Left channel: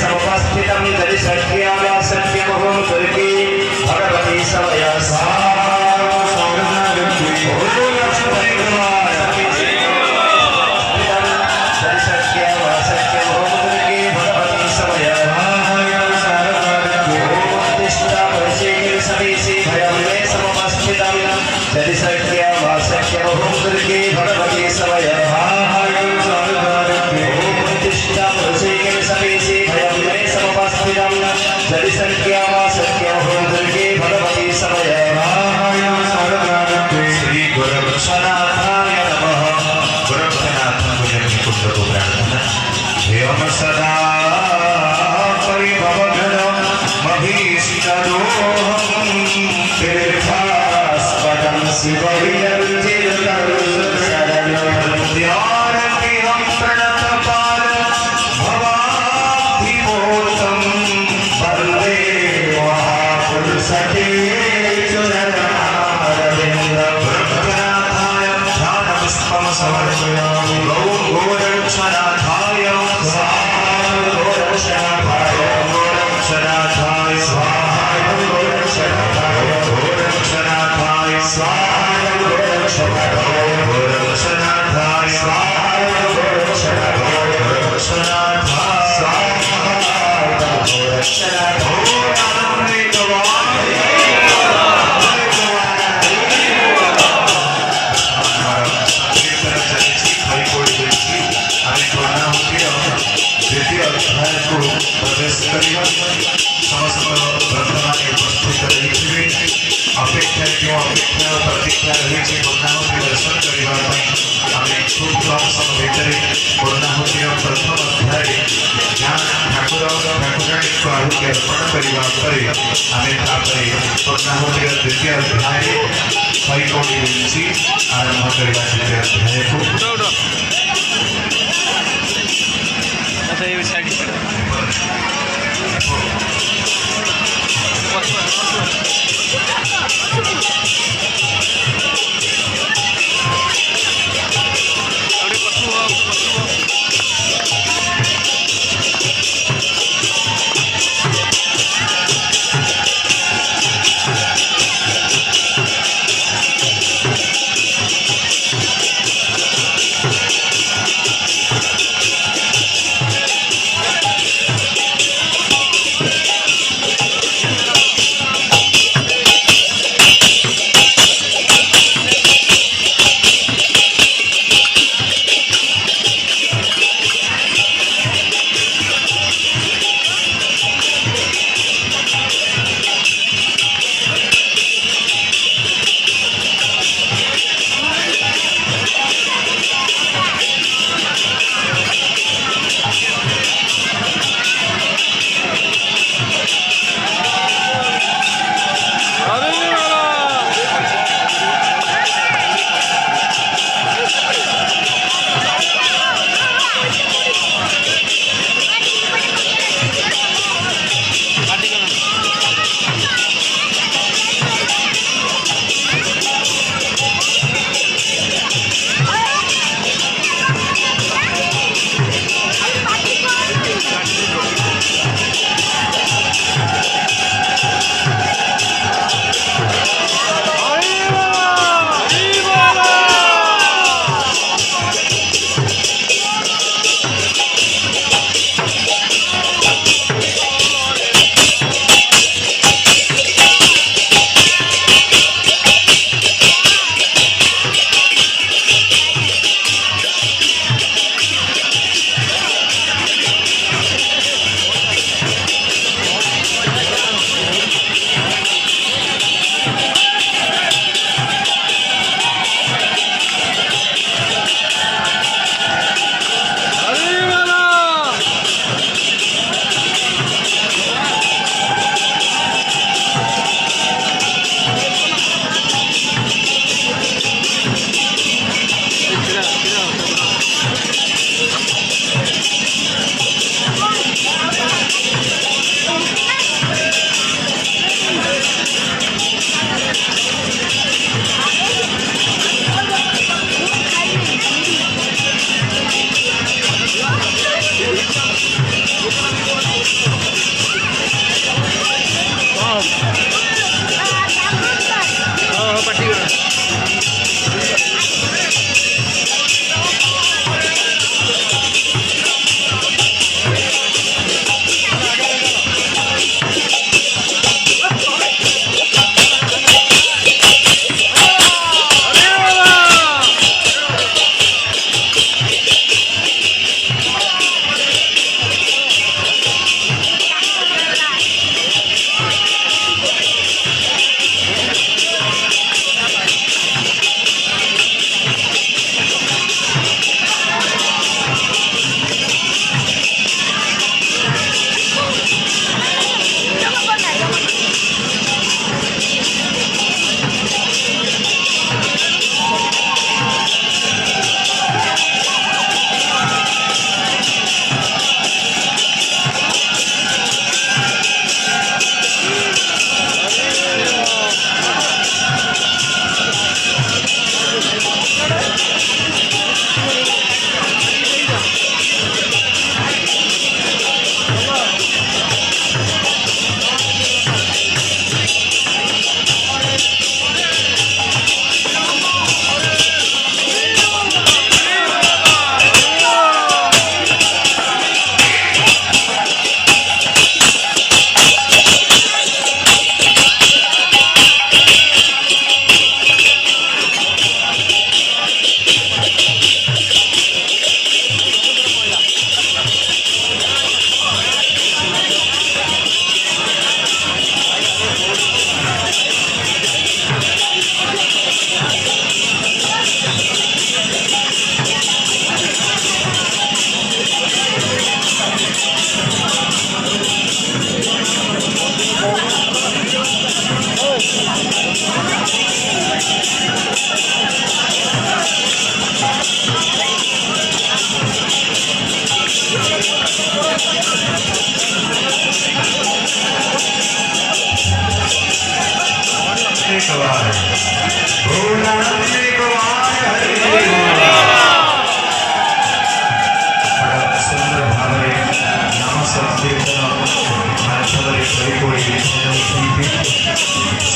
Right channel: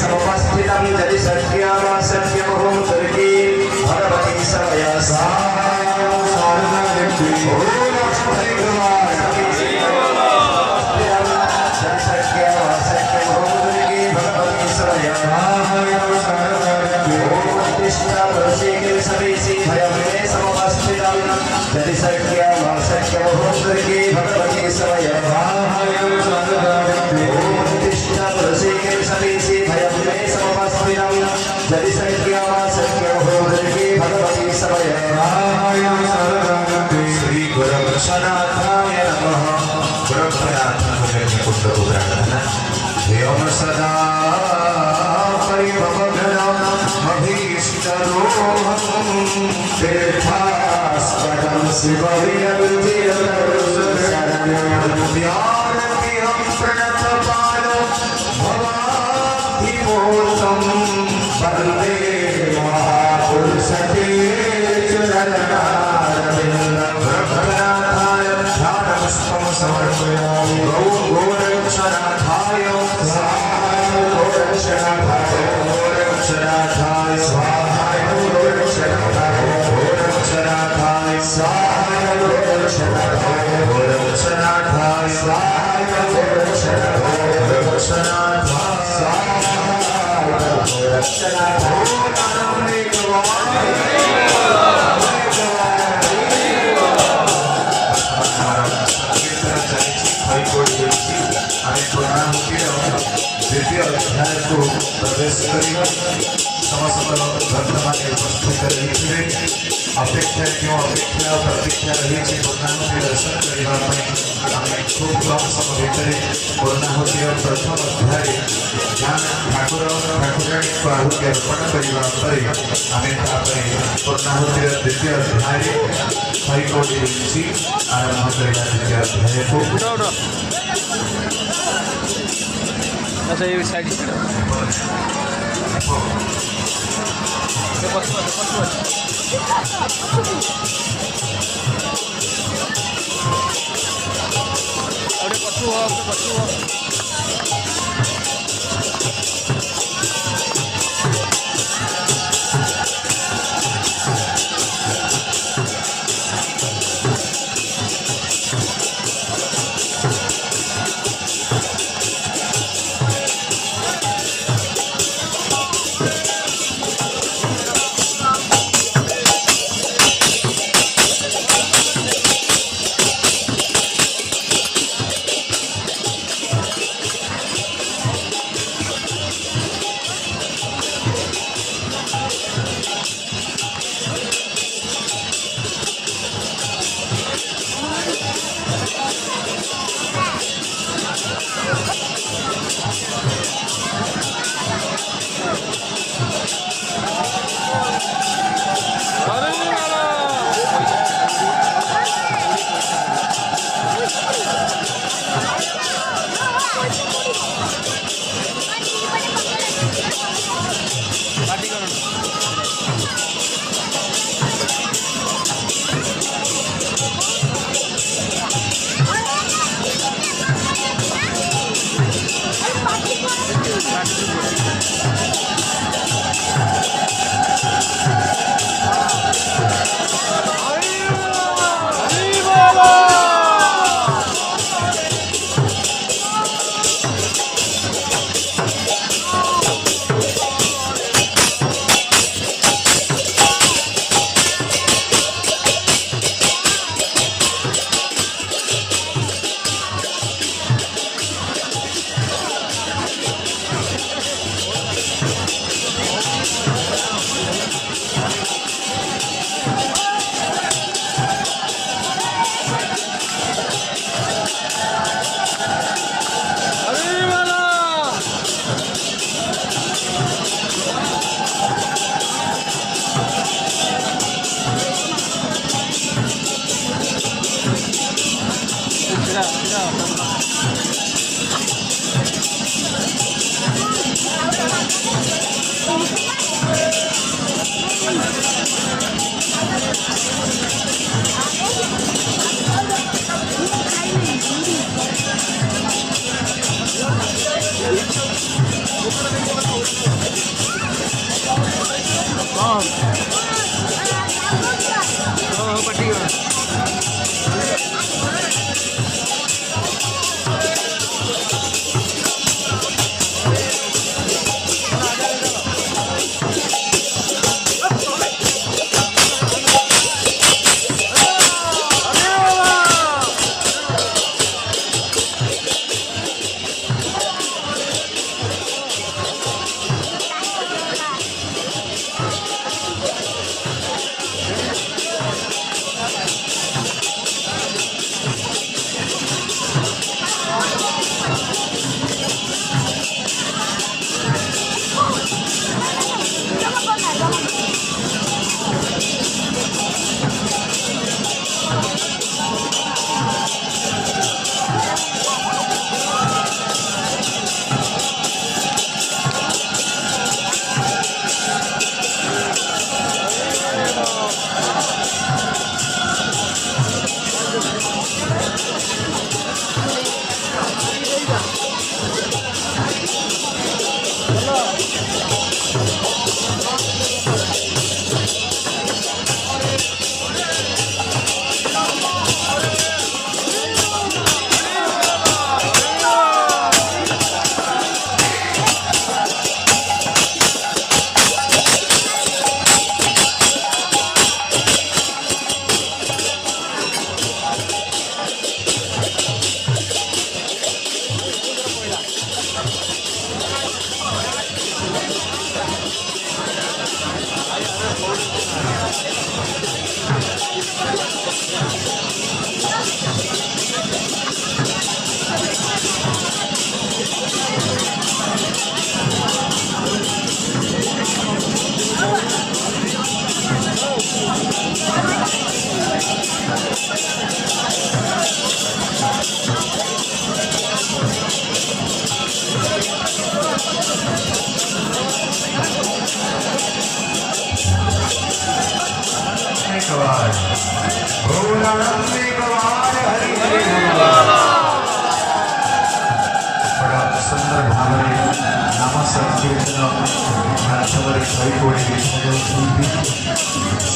समवस्थितं यदि सत्यं सत्यमहं दुर्गे भगवती समया सदा परिभवघ्नं महीशिखरोहं तीर्थास्पदं शिवैर्जितरुशरणं प्रणतपाल भवाब्धिमूर्तं वन्दे महापुरुषते चरणनारविन्दं भक्तनाथाय ध्यानपुष्पं समर्पयामि गोरक्षनाथाय अपेक्षा क्यों अपेक्षा प्रतीक्षा रही पूर्णाहुति दर्शन करने खूब कम समय भितर पूर्णाहुति प्रथम अध्याय ठाकुर ठाकुराणी को आहुति अर्पण करने पूर्णाहुति द्वितीय अध्याय 100 कोटी विंची आरंभ करने द्वितीय अध्याय को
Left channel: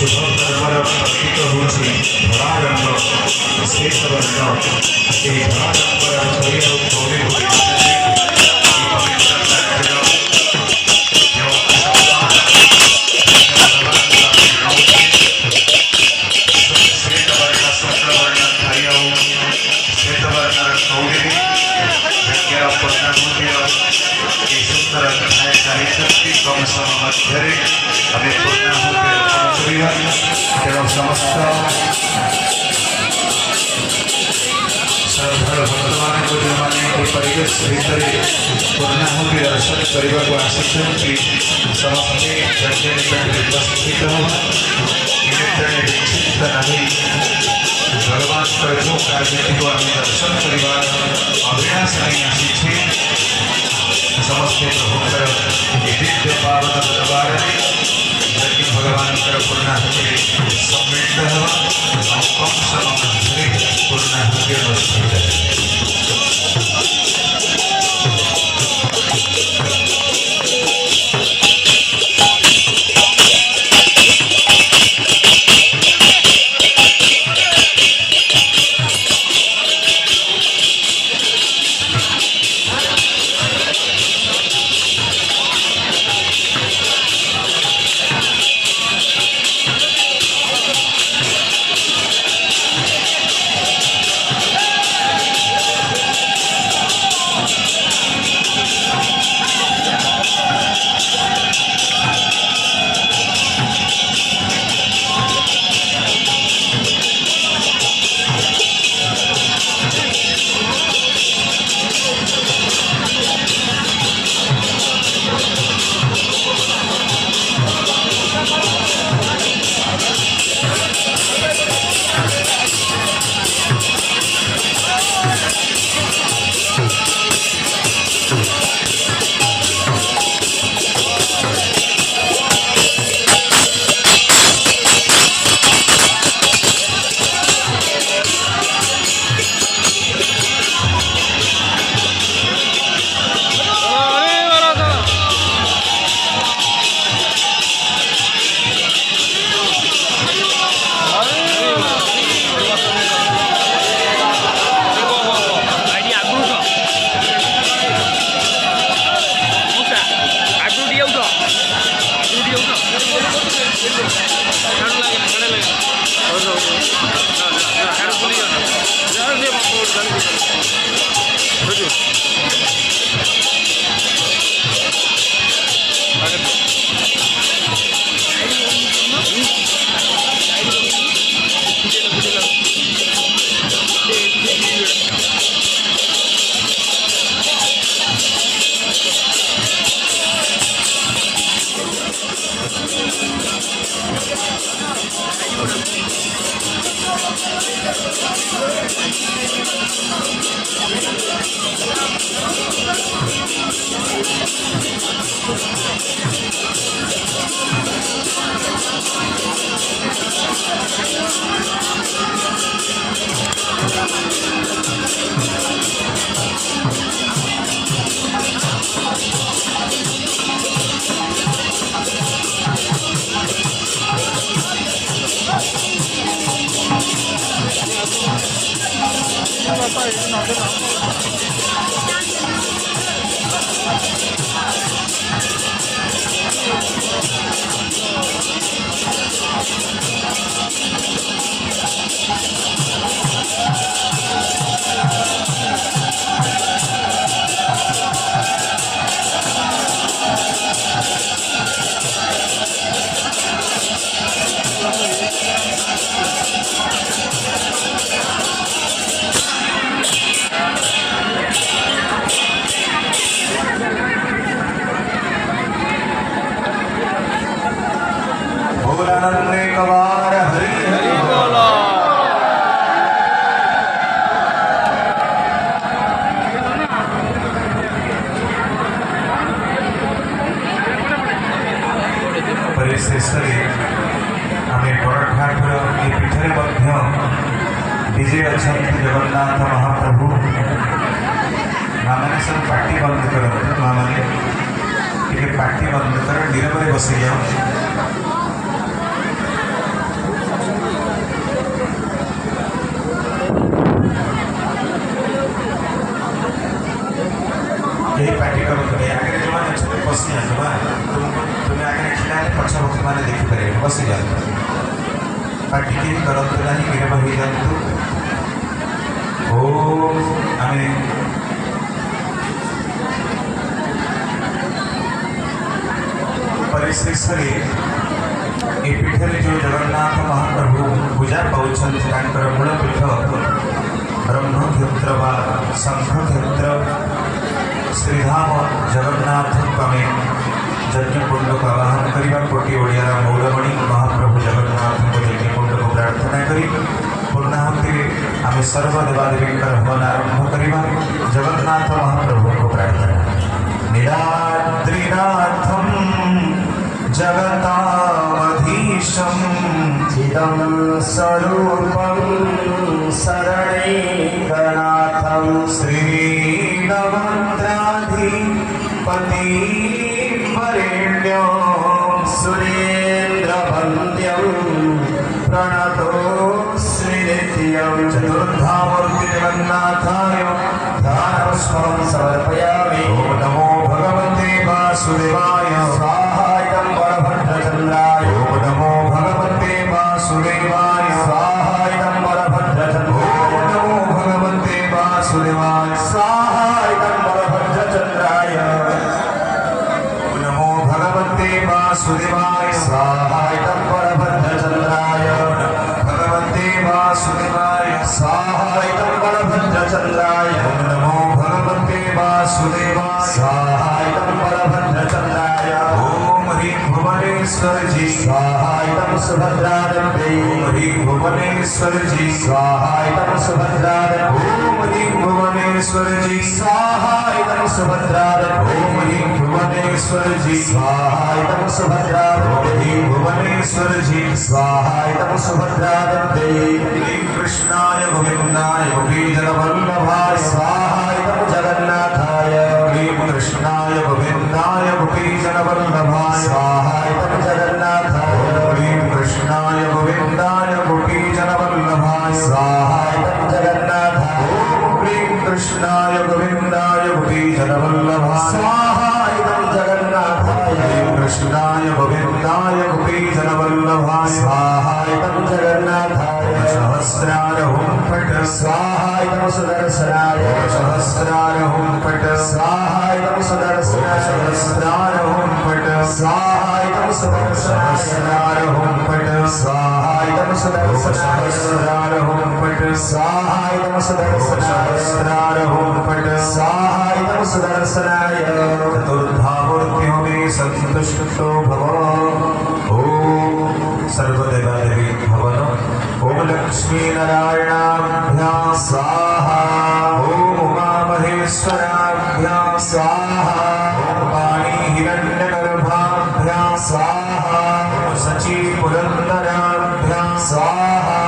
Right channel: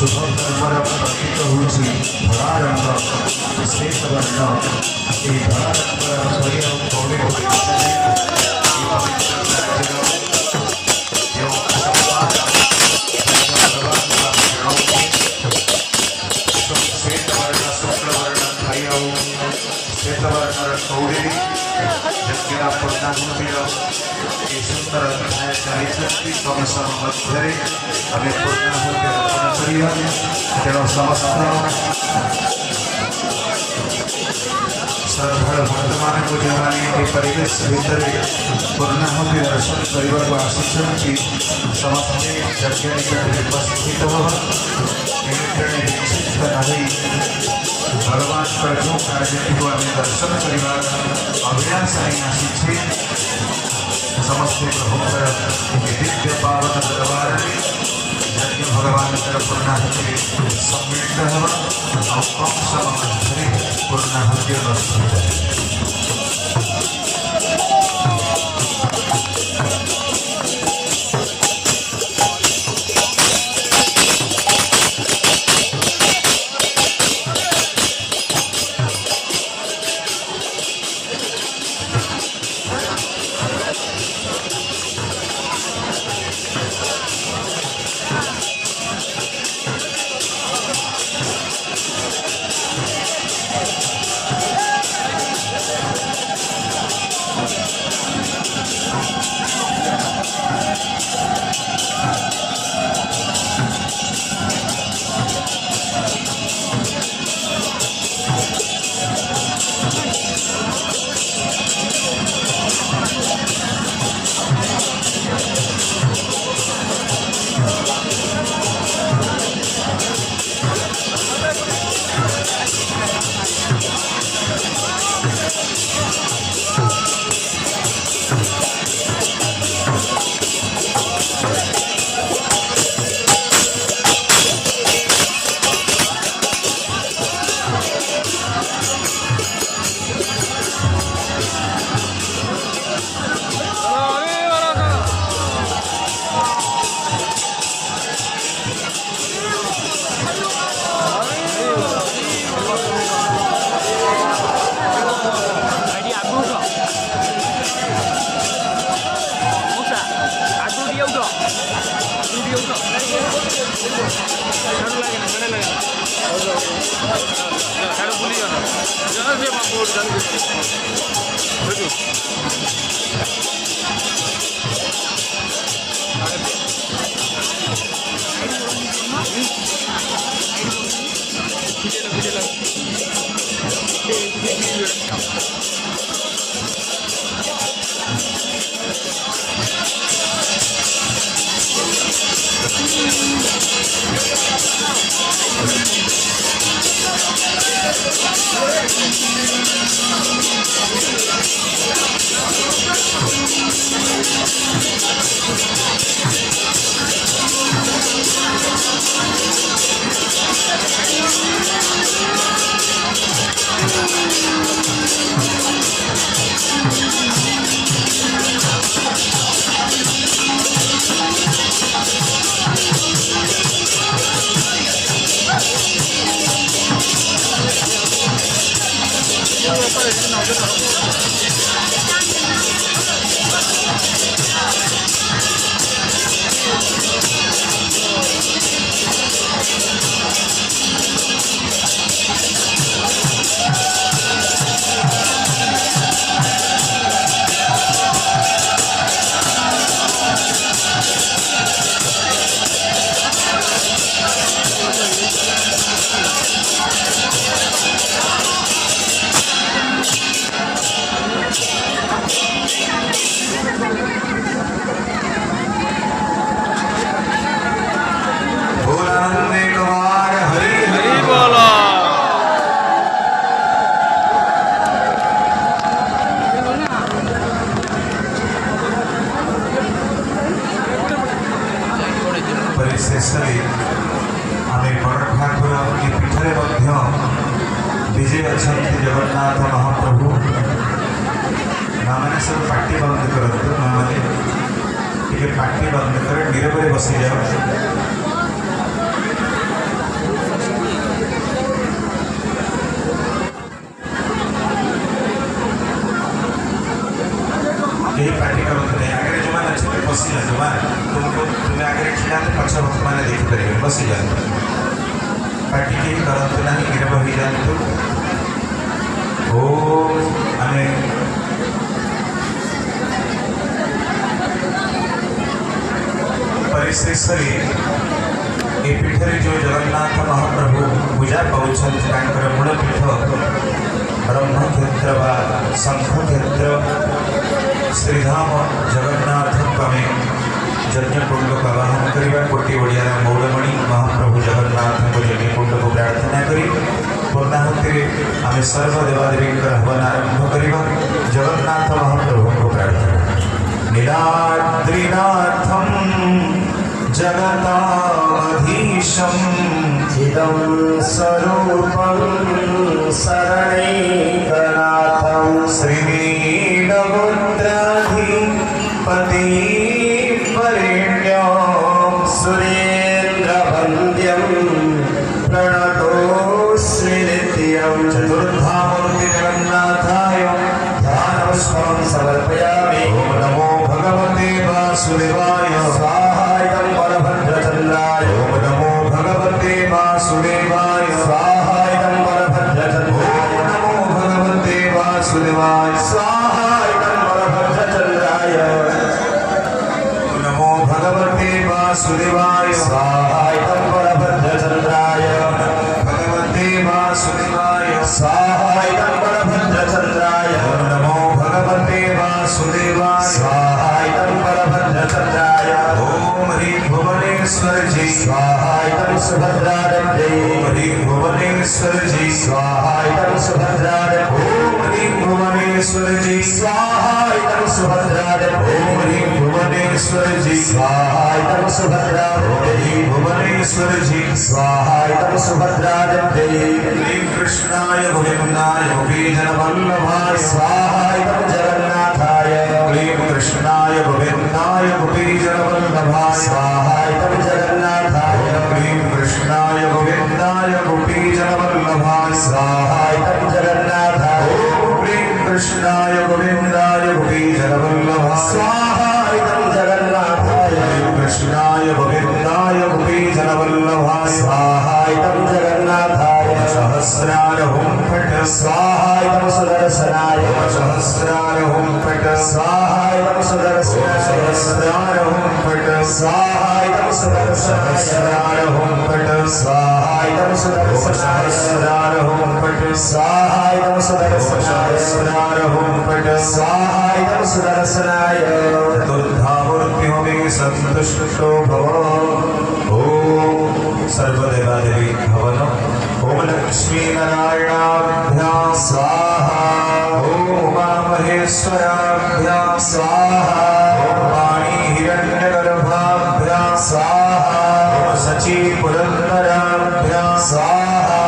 शुभ कर्मर प्रतीक होची धड़ा रंग श्वेत वर्ण ये धड़ा रंग शरीर पौड़े हमें पूर्णाहुति अर्पण करिया तेणु समस्त श्रद्धार भक्तमान को जो मैंने परिवेश भितर पूर्णाहुति दर्शन करने को आसी समस्ते यज्ञ निकट उपस्थित विक्षिप्त नहीं भगवान जो कार्य को आम दर्शन करने अभिलाष नहीं आसी समस्ते प्रभुकर दिव्य पावन दरबार यज्ञ भगवान पूर्णाहुति सम्मिलित हो कम समय पूर्णाहुति अनुष्ठित ଶେଷରେ ଆମେ ବଡ଼ ଠାକୁର ଏ ପୀଠରେ ମଧ୍ୟ ବିଜେ ଅଛନ୍ତି ଜଗନ୍ନାଥ ମହାପ୍ରଭୁ। ମାମାନେ ସବୁ ପାଟି ବନ୍ଦ କରନ୍ତୁ, ମାମାନେ ଟିକେ ପାଟି ବନ୍ଦ କର, ନୀରବରେ ବସିଯାଅ। થઈ જાતું ઓમ અને परिश्री ए पीठे जो जगन्नाथ महाप्रभु पूजा पाउछन तांकर मूल पीठ ब्रह्मक्षेत्र बा शंखक्षेत्र श्रीधाम जगन्नाथ कमे यज्ञकुंड का आवाहन करवा कोटि ओडिया मौलमणि महाप्रभु जगन्नाथ यज्ञकुंड को प्रार्थना करी पूर्णाहुति आम सर्वदेवादेवी हवन आरंभ करवा जगन्नाथ महाप्रभु को प्रार्थना नीलाद्रिनाथम जगतामधीशं चिदं स्वरूपं शरणैकनाथं श्रीवीरभद्राधिपतिवरेण्यं सुरेन्द्रवन्द्यं प्रणतोऽस्मि नित्यं चतुर्धामूर्ति जगन्नाथाय ध्यानपुष्पं समर्पयामि ॐ नमो भगवते वासुदेवाय बलभद्रचन्द्राय ॐ नमो भगवते वासुदेवाय स्वाहाय बलभद्रचन्द्राय नमो भगवते वासुदेवाय स्वाहाय बलभद्रचन्द्राय नमो भगवते वासुदेवाय स्वाहाय बलभद्रचन्द्राय भगवते वासुदेवाय स्वाहाय बलभद्रचन्द्राय नमो भगवते वासुदेवाय स्वाहाय बलभद्रचन्द्राय भुवनेश्वर जी स्वाहाय सुभद्रादे भुवनेश्वर जी स्वाहाय सुभद्रादे भुवनेश्वर जी स्वाहाय सुभद्रादे भुवनेश्वर जी स्वाहाय सुभद्रादे भुवनेश्वर जी स्वाहाय सुभद्रादे कृष्णाय गोविंदाय गोपीजनवल्लभाय स्वाहाय जगन्नाथाय कृष्णाय गोविंदाय गोपीजनवल्लभाय स्वाहाय जगन्नाथाय कृष्णाय गोविंदाय गोपीजनवल्लभाय स्वाहाय जगन्नाथाय कृष्णाय गोविंदाय गोपीजनवल्लभाय स्वाहाय जगन्नाथाय कृष्णाय गोविंदाय गोपीजनवल्लभाय स्वाहाय जगन्नाथाय सहस्रार हुम पट स्वाहाय सुदर्शनाय सहस्रार हुम पट स्वाहाय सुदर्शनाय सहस्रार हुम पट स्वाहाय सहस्रार हुम पट स्वाहाय सहस्रार हुम पट स्वाहाय सहस्रार हुम पट स्वाहाय सुदर्शनाय चतुर्धामूर्तियों में संतुष्टो भव ओम सर्वदेवादेवी भवन ओम लक्ष्मी नारायणाभ्यां स्वाहा ओम उमामहेश्वराभ्यां स्वाहा ओम वाणी हिरण्यगर्भाभ्यां स्वाहा ओम सची पुरन्दराभ्यां स्वाहा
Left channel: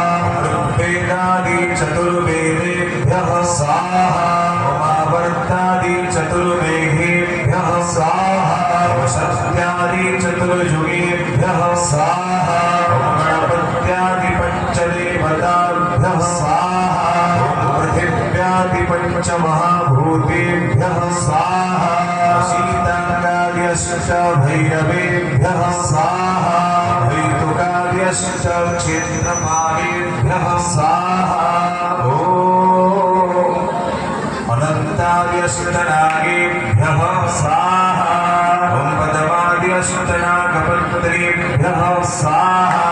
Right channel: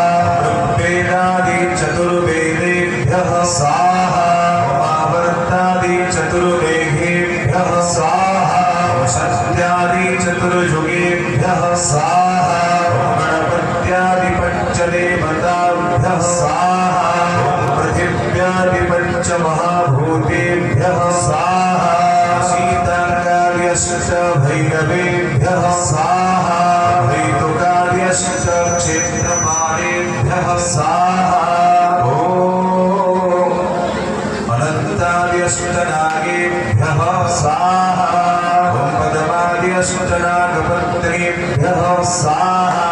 ऋग्वेदादि चतुर्वेदेभ्यः स्वाहा उमावर्तादि चतुर्वेदेभ्यः स्वाहा ओम सत्यादि चतुर्युगेभ्यः स्वाहा ओम गणपत्यादि पंचदेवताभ्यः स्वाहा ओम पृथिव्यादि पंचमहाभूतेभ्यः स्वाहा शीताङ्गार्यश्च भैरवेभ्यः स्वाहा वैतुकार्यश्च क्षेत्रपालेभ्यः स्वाहा ओम अनन्तार्यश्च नागेभ्यः स्वाहा ओम पदमार्यश्च नागपत्रेभ्यः स्वाहा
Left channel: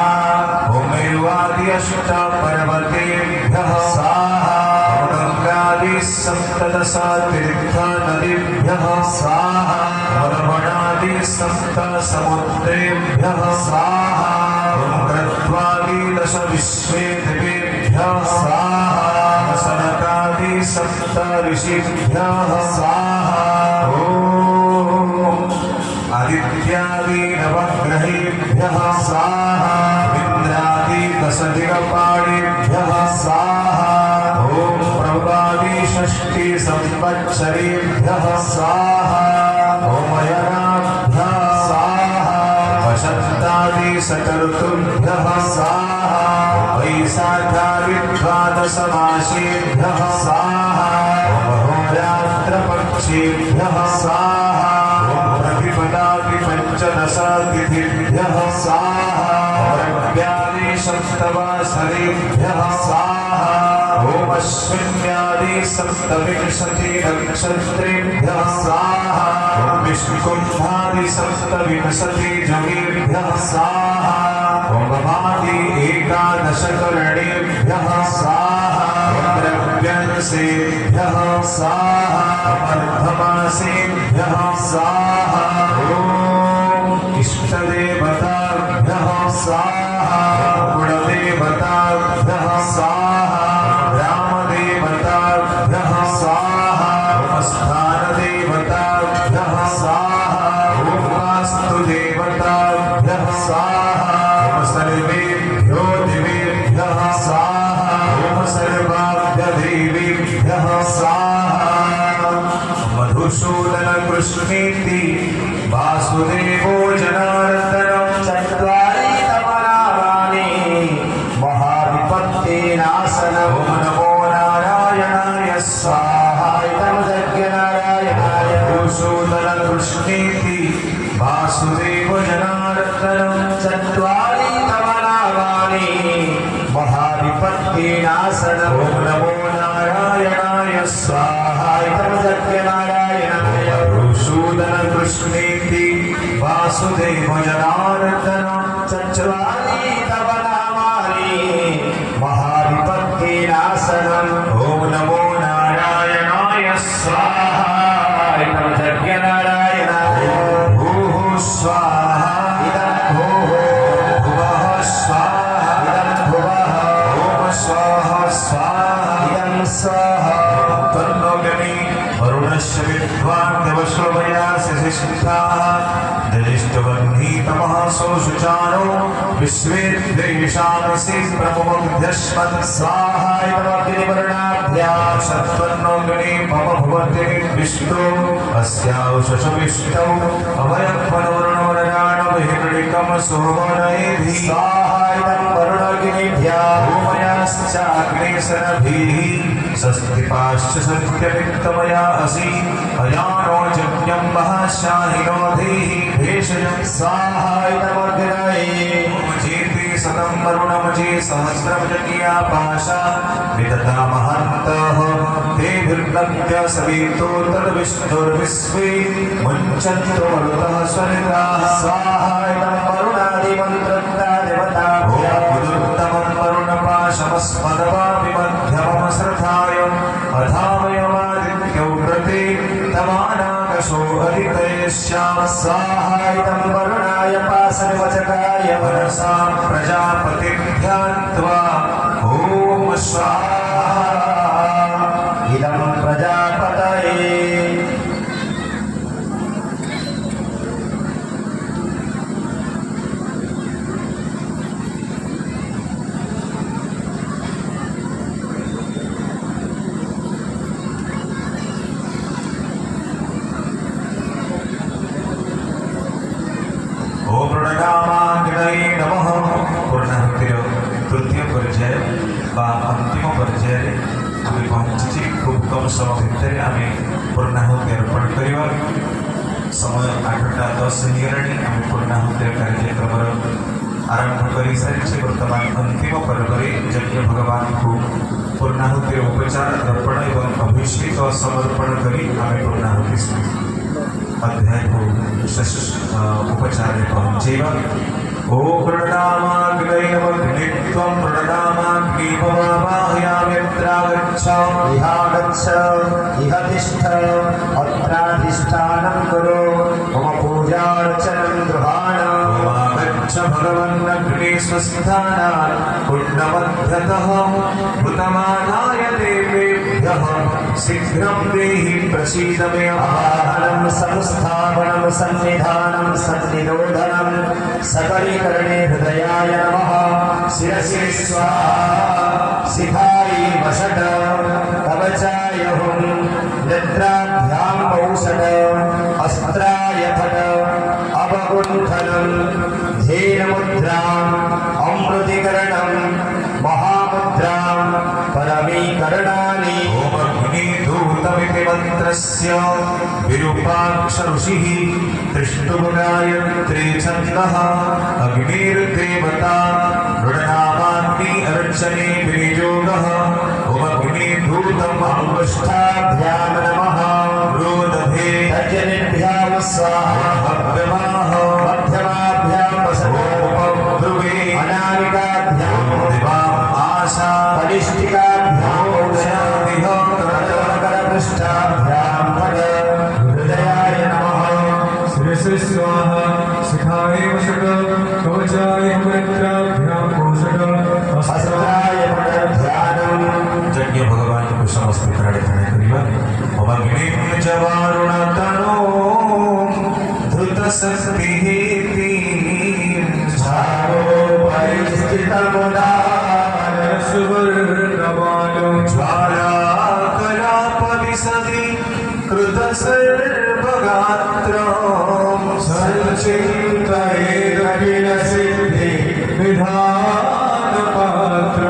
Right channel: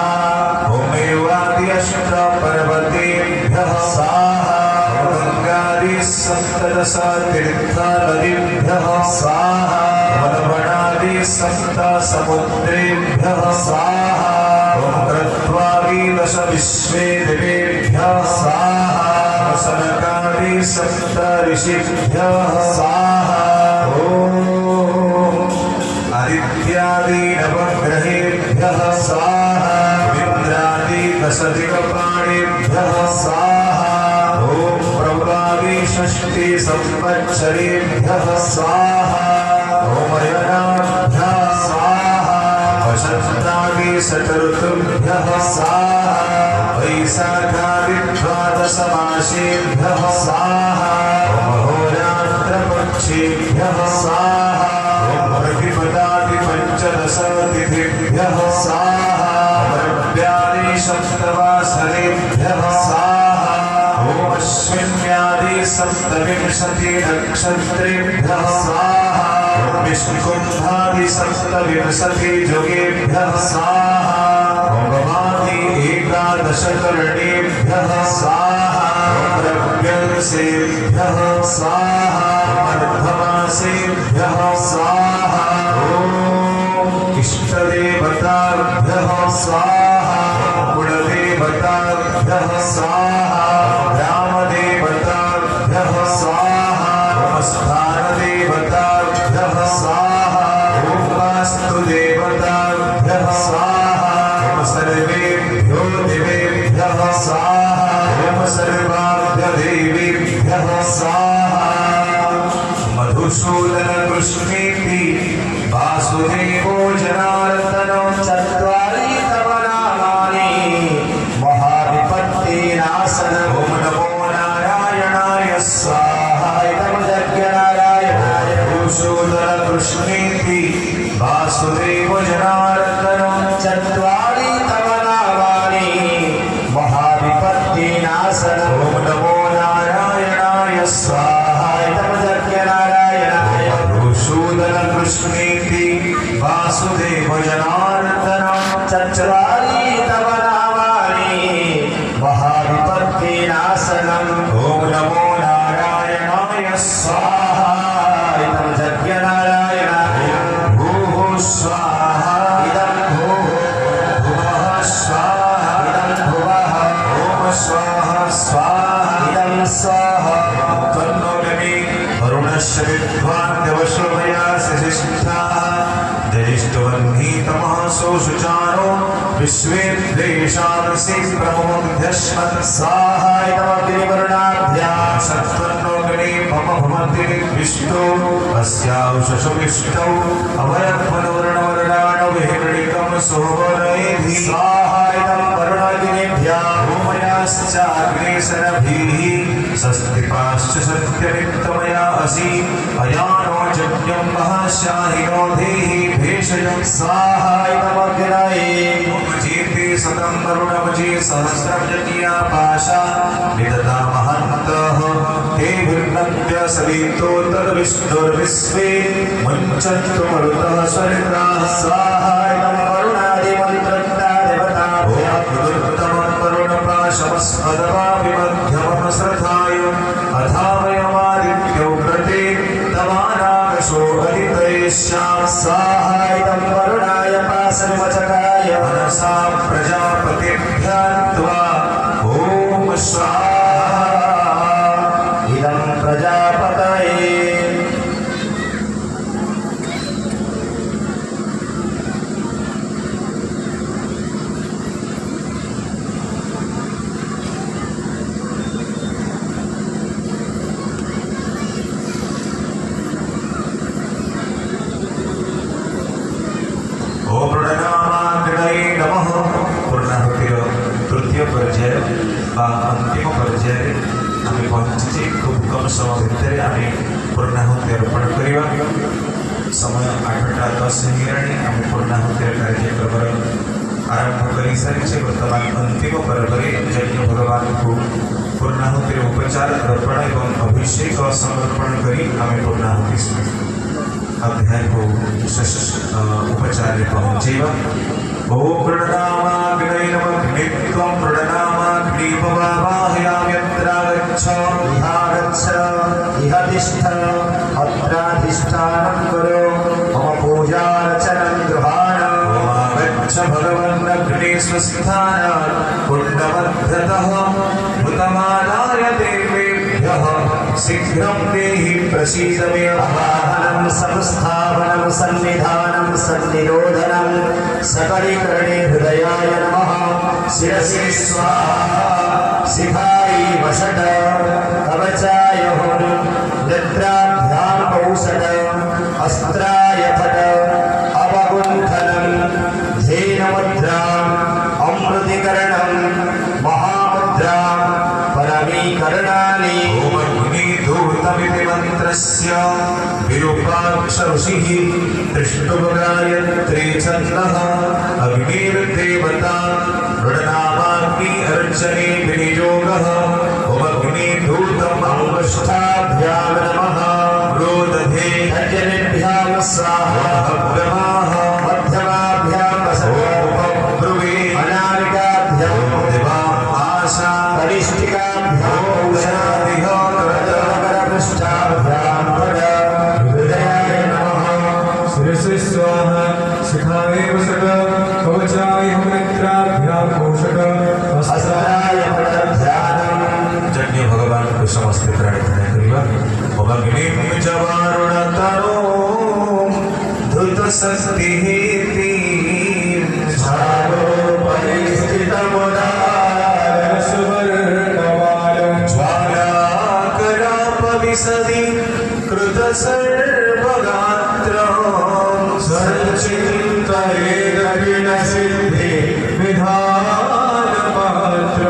ओम एवार्यश्च पर्वतेभ्यः स्वाहा ओम गङ्गादि सप्तदशतीर्थनदीभ्यः स्वाहा ओम लवणादि सप्तसमुद्रेभ्यः स्वाहा ओम क्रत्वादि दश विश्वेदेवेभ्यः स्वाहा ओम सनकादि सप्त ऋषिभ्यः स्वाहा ओम आदित्यादि नवग्रहेभ्यः स्वाहा इंद्रादि दशदिक्पाणेभ्यः स्वाहा ओम प्रभावि षष्टि संवत्सरेभ्यः स्वाहा ओम अयनाभ्यः स्वाहा वसन्तादि षटऋतुभ्यः स्वाहा वैशाखादि द्वादशमासेभ्यः स्वाहा ओम होरात्रपक्षेभ्यः स्वाहा ओम प्रतिपदादि पंचदशतिथिभ्यः स्वाहा ओम रव्यादि सप्तवासरेभ्यः स्वाहा सप्तविंशति नक्षत्रेभ्यः स्वाहा विष्णुकुम्भादि सप्तविंशति योगेभ्यः स्वाहा भगवादि एकादश करणेभ्यः स्वाहा द्रव्यसेभ्यः स्वाहा अर्धमासेभ्यः स्वाहा ॐ इष्टदेवताभ्यः स्वाहा कुलदेवताभ्यः स्वाहा ग्रामदेवताभ्यः स्वाहा स्थानदेवताभ्यः स्वाहा वास्तुदेवताभ्यः स्वाहा सर्वेभ्यो देवेभ्यः स्वाहा सर्वाभ्यदेवेभ्यः स्वाहा मधुसूदन कृष्णेति वासुदेवो जनार्दनो चत्वारि तव नामानि महाविपत्तिनाशन ओम नमो नारायणाय स्वाहा तम यज्ञनारायणाय मधुसूदन कृष्णेति वासुदेवो जनार्दनो चत्वारि तव नामानि महाविपत्तिनाशन ओम नमो नारायणाय स्वाहा तम यज्ञनारायणाय मधुसूदन कृष्णेति वासुदेव जनार्दन चत्वारि तव नामानि महाविपत्तिनाशनम् ओम नमो नारायणाय स्वाहा तम यज्ञनारायणाय भूः स्वाहा इदं भूः भुवः स्वाहा इदं भुवः ओम स्वाहा स्वाहा इदं स्वाहा तन्नोगमे वरुणस्य विद्वान् देवशोभया सशिष्टाः ज्येष्ठवह्नितमः सोऽशुचारो विश्वे द्वेषांसि प्रमोद्यश्मत् स्वाहा इदमग्निवर्णाभ्यां सत्त्वन्नोऽग्नि मम भवति विष्णो अस्याौषशविष्टौ अमरत्वनोर्णवनराणविहिर्णिकं सोमनयेधि स्वाहा इदं वरुणाग्निभ्यः भूमयाश्चाग्नेशरभिः स्वस्तिपाश्च सत्यनिक्तमया असि अयानो यज्ञं महाशाहिनो धेहि भेषजं स्वाहा इदमग्नये जीते सतं वरुणमजि सहस्रं यज्ञा पाशा विदधामहन्तः तेभिर्लभ्य सवितो तद्विष्णुर्विश्वे मुञ्चन्तु मरुतः स्वर्गाः स्वाहा इदं वरुणादिमन्त्रज्ञा देवताभ्यः विदुत्तमं वरुणपाशमस्मदवाभिमध्यमं श्रद्धाय अथामयमादित्यो व्रते तमानाकशो हरितयेष्यां स्वाहा इदं वरुणाय पाशविवचकाय मनसा प्रजापतिभ्यान्त्वा ॐ स्वाहा इदं प्रजापतये ओम प्रणगामाग्नये नमः पूर्णाहुतिर तृतीय पर्याय बा अंतिम पर्याय आम्ही पहुंची खूब कम समय भितर आम्ही पूर्णाहुति अर्पण करवा समय 8:10 हेलाणी आम्ही पूर्णाहुतिर कार्यक्रम आरंभ कर सारी बर्तमान अंतिम पर्वरे यज्ञ भगवान को पूर्णाहुतिर उपचार अर्पण एवं अभिषेक समर्पण करी आम्ही पूर्णाहुति अध्याय को उपचार पहुंचेवा ओ प्रणनामाग्नये नमः नित्यं प्रणनामाग्नि भवामह्याम्यत्रागच्छ इहागच्छ इह तिष्ठ अत्राधिष्ठानं कुरु मम पूजार्चनं गृहाणम् आगच्छ भगवन्नग्नि स्वस्थानात् कुण्डमध्यतः भूतमानाय देवेभ्यः शीघ्रं देहि प्रसीद मे आहारं संस्थापनं सन्निधानं सन्निरोधनं सकलीकरणे हृदयाय नमः शिरसि स्वाहा शिखाय वषट् कवचाय हुं निद्राभ्यां औषध अस्त्राय फट् अवगुण्ठनं धेनुमुद्राम् अमृतीकरणं महामुद्रां परमीकरणानि ओम अग्निधूतमिति मन्त्रस्य विरूपाक्ष ऋषिः त्रिष्टुभगायत्री छन्दः अग्निर्देवता मृडनामाग्नि अर्चने विनियोगः ओम अग्निधूतम् पृष्ठाभ्यां नमः रोदधे तजनेभ्यां स्वाहा भद्रमाः मध्यमाभ्यां वसवोपद्रुवे अनामिकाभ्यां दिवाम् आशा कनिष्ठिकाभ्यां औषधिः करपृष्ठाभ्यां पद हृदयाय नमः शिरसि स्वाहा शिखाय वसक कवचाय मित्राभ्यां पोषक हस्ताय पदध्यानं यज्ञ भगवान को समस्त प्रार्थना करिवा अग्निं जवारुणतनो धृत शक्तिः झालो परिस्थितमुदारसवर्णमालं ज्वालाकलापविशदि कृतसर्वगात्रं सञ्चिन्तयेदखिलसिद्धि विधानपात्रम्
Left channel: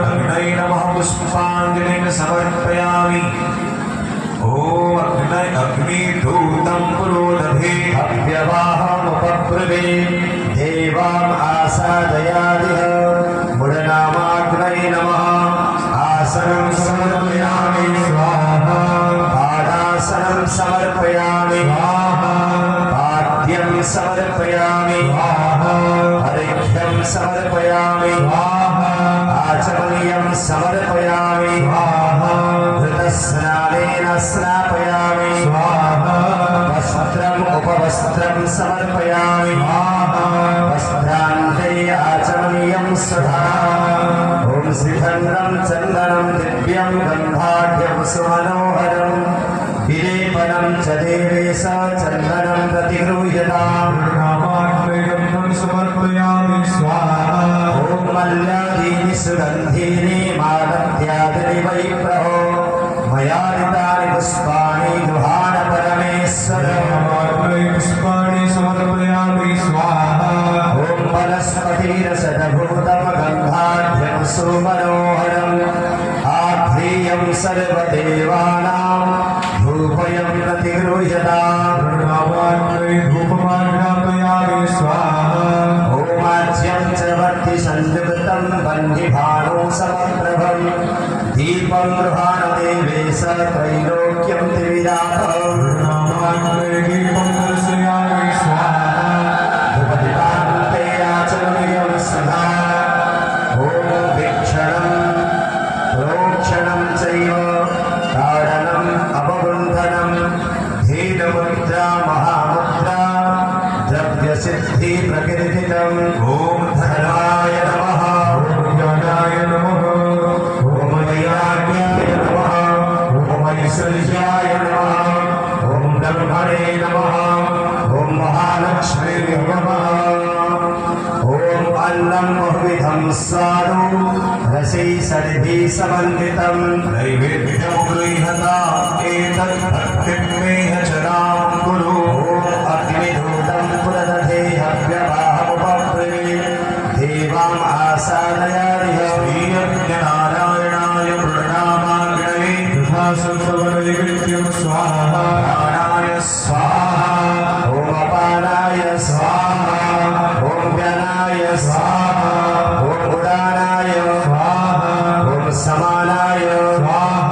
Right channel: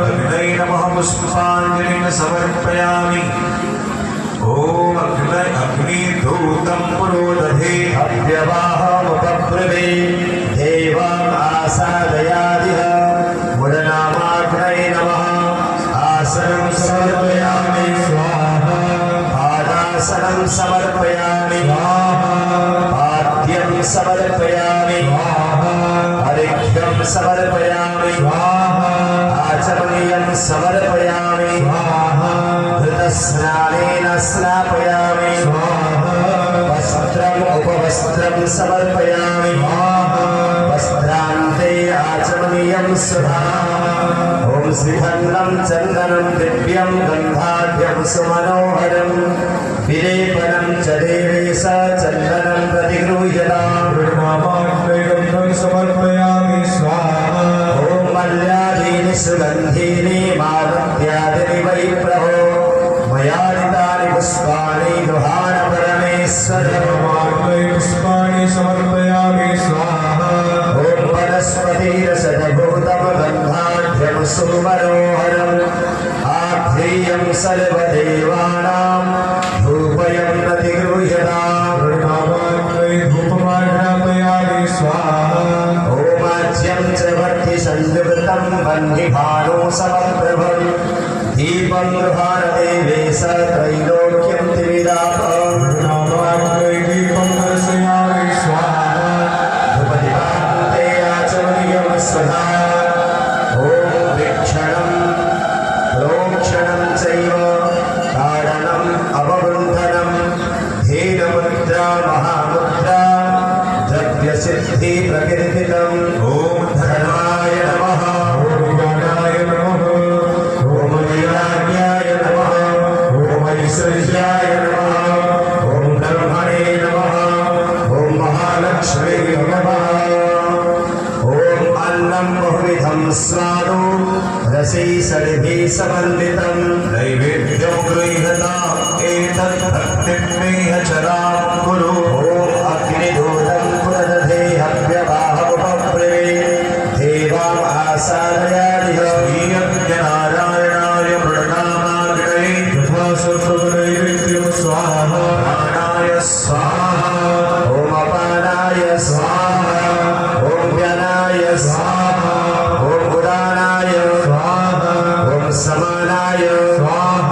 अग्नये नमः पुष्पाञ्जलिं समर्पयामि ॐ अग्निधूतं पुरोदधे हव्यवाहमुपब्रवे देवाम् आसादयादिह मुडनामाग्नये नमः आसनं समर्पयामि स्वाहा पादासनं समर्पयामि स्वाहा पाद्यं समर्पयामि स्वाहा अर्घ्यं समर्पयामि स्वाहा आचमनीयं समर्पयामि स्वाहा धृतस्नानेन स्नापयामि स्वाहा वस्त्रम् उपवस्त्रं समर्पयामि स्वाहा वस्त्रान्ते आचमनीयं स्वधा ॐ श्रीखण्डं चन्दनं दिव्यं गन्धाढ्यं सुमनोहरं विलेपनं च देवेश चन्दनं प्रतिगृह्यताम् नामाग्निगन्धं समर्पयामि स्वाहा ॐ मल्यादीनि सुगन्धीनि मालत्यादीनि वै प्रभो मयादितानि पुष्पाणि दुहाण परमेश्वर नामाग्नि पुष्पाणि समर्पयामि स्वाहा ॐ वनस्पतिरसदभूतं गन्धाढ्यं सुमनोहरम् आध्रेयं सर्वदेवानां धूपयं प्रतिगृह्यताम् नामाग्नि धूपमाघ्रापयामि स्वाहा ओमाज्यं च वर्तिसंयुक्तं वह्निभानो समप्रभं दीपं गृहाणदेवेश त्रैलोक्यं त्रिविधापम् नामाग्नि दीपं दर्शयामि स्वाहा धूपदीपान्ते आचमनीयं स्वधा ॐ वीक्षणं प्रोक्षणं चैव कारणम् अवगुण्ठनं धीरमुद्रा महामुद्रा द्रव्यसिद्धिप्रकीर्तितम् ॐ धर्माय नमः ज्ञानाय नमः ॐ वैराग्याय नमः ॐ ऐश्वर्याय नमः ॐ ब्रह्मणे नमः ॐ महालक्ष्मीः नमः ॐ अन्नं बहुविधं स्वादु रसैः षड्भिः समन्वितं नैवेद्यं गृह्यता एतत् भक्तिं मे चरां कुरु ॐ अग्निधूतं पुनदधे हव्यवाहमुपब्रवे देवाम् आसादयादिह श्रीयज्ञनारायणाय प्रणमाग्नये तथा सर्वनैवेद्यं स्वाहा प्राणाय स्वाहा ॐ अपानाय स्वाहा ॐ व्यानाय स्वाहा ॐ उदानाय स्वाहा ॐ समानाय स्वाहा